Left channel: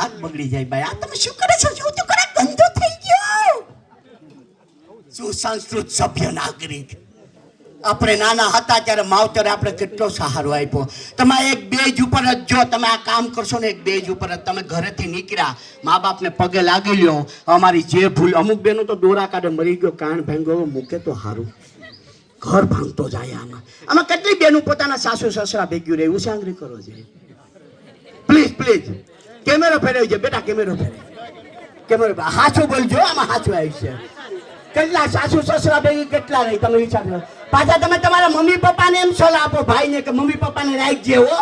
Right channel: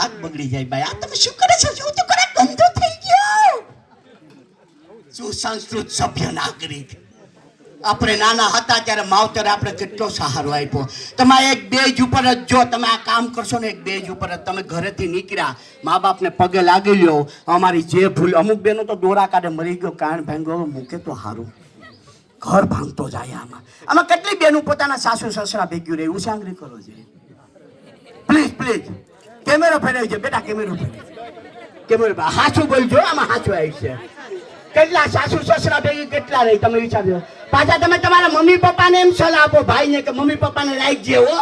ભાગ બગડી જાય ભાઈ. આ તમે શું કરે છો? શું તો કરે? ગંદો થઈ ગયો. સુસંસ્કૃત સભ્ય નાગરિક. આપણે નાના હતા ત્યારે માવતરે આપણે કેટલો સહારો આપ્યો. તમે એક બેજ ઉપર જ જો તમે આ કામ કરશો ને, એક બેજ ઉપર જ તમે ઘરેથી નીકળ્યા, મા બાપને પગે લાગી લ્યો. અમારી જે ભૂલ, અમુક બેનો તો દોરા કાઢે મરી ગયો કાન ભાંગ્યો મૂકે તો સારું, ઘર ભાંગતો જાય. આમાં કેટલી બેનું પોતાના સાસુ સસરા ભેગ્યું રહે ઉસાંગરી કરો છે. પ્લીઝ પ્લીઝ કેમેરો ફેરવી છે બેટા, કેમેરો કેમેરો હાચું બોલજો, આમાં હાચું આવી છે. કેટલા સાસુ સસરા ભેગી કેટલા રહી તમે વિચારજો. પાછા તમે તમારા મમ્મી પપ્પાને એમ સલાહ આપો ભાઈને કે મમ્મી પપ્પાને રાખજે હો.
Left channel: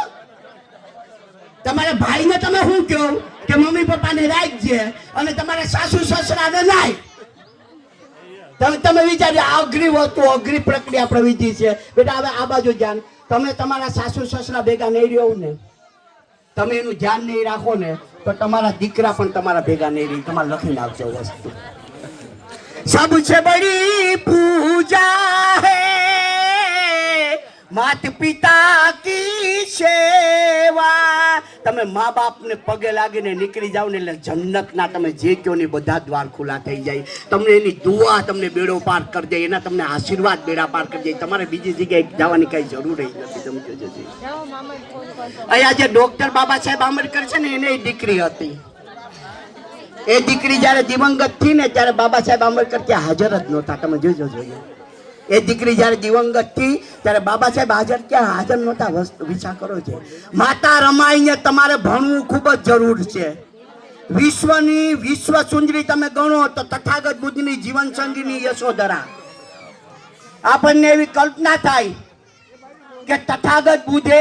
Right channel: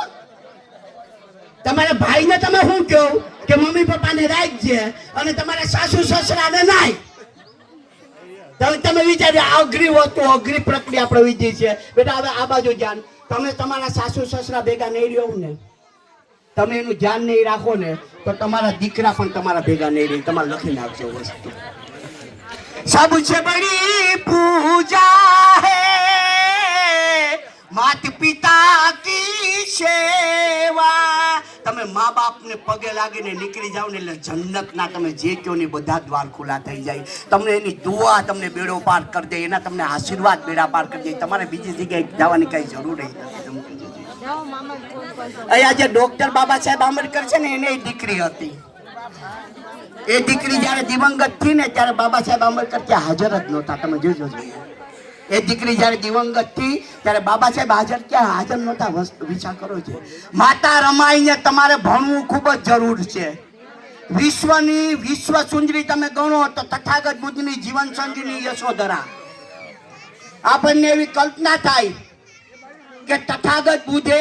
તમારા ભાઈને તમે શું કહો કે મમ્મી પપ્પાને રાખજે, અને તમારા સાસુ સસરાને નાય. તમે વિચાર્યો અઘરી વસ્તુ, અઘરી પ્રક્રિયા પ્રવિધિ છે બેટા. હવે આ બાજુ ધ્યાન, તમે તમારા સાસુ સસરા ભેગા નહીં રહ્યો ને, તમે એનું ધ્યાન નહીં રાખો ને, તો તમારા દીકરા પણ તમારા ભેગા નહીં રહી, તમારે લખીને આવશે વસ્તુ. सबसे बड़ी पूजा है माता પિતા કી સેવા. તમે મા બાપને પગે લાગીને નીકળી જાવ ને એટલે જન્નતના તમે જે કહો ને બધા દ્વાર ખુલ્લા થઈ જાય. તમને એની દુઆ તમને બેડો પાર કરી દે, એના તમને આશીર્વાદ બેડા પાર કરી દે. તમારે બીજી જગ્યાએ જવાની કઈ જરૂર નથી. અહીંયા જે ડોક્ટર બાબા સાહેબ આંબેડકર છે ને, એને દીકરી હતી. એ દીકરી જયારે દિવંગત થઈ ને ત્યારે બાબા સાહેબ આંબેડકર ત્યાં હાજર જ નહોતા. તમે જોજો જોઈએ, એ દીકરી જયારે દિવંગત થઈ ત્યારે બાબા સાહેબ હાજર નહોતા. વિચાર કરો છે. માતા રમાઈને તમારે ભણવું ખૂબ જ જરૂર છે. વિશ્વ સુંદરી તમે ગણો તો તથાગત બુદ્ધની જીવન સંગીની યશોધરા. આપણને એવી કલ્પના થાય કે તથાગત બુદ્ધે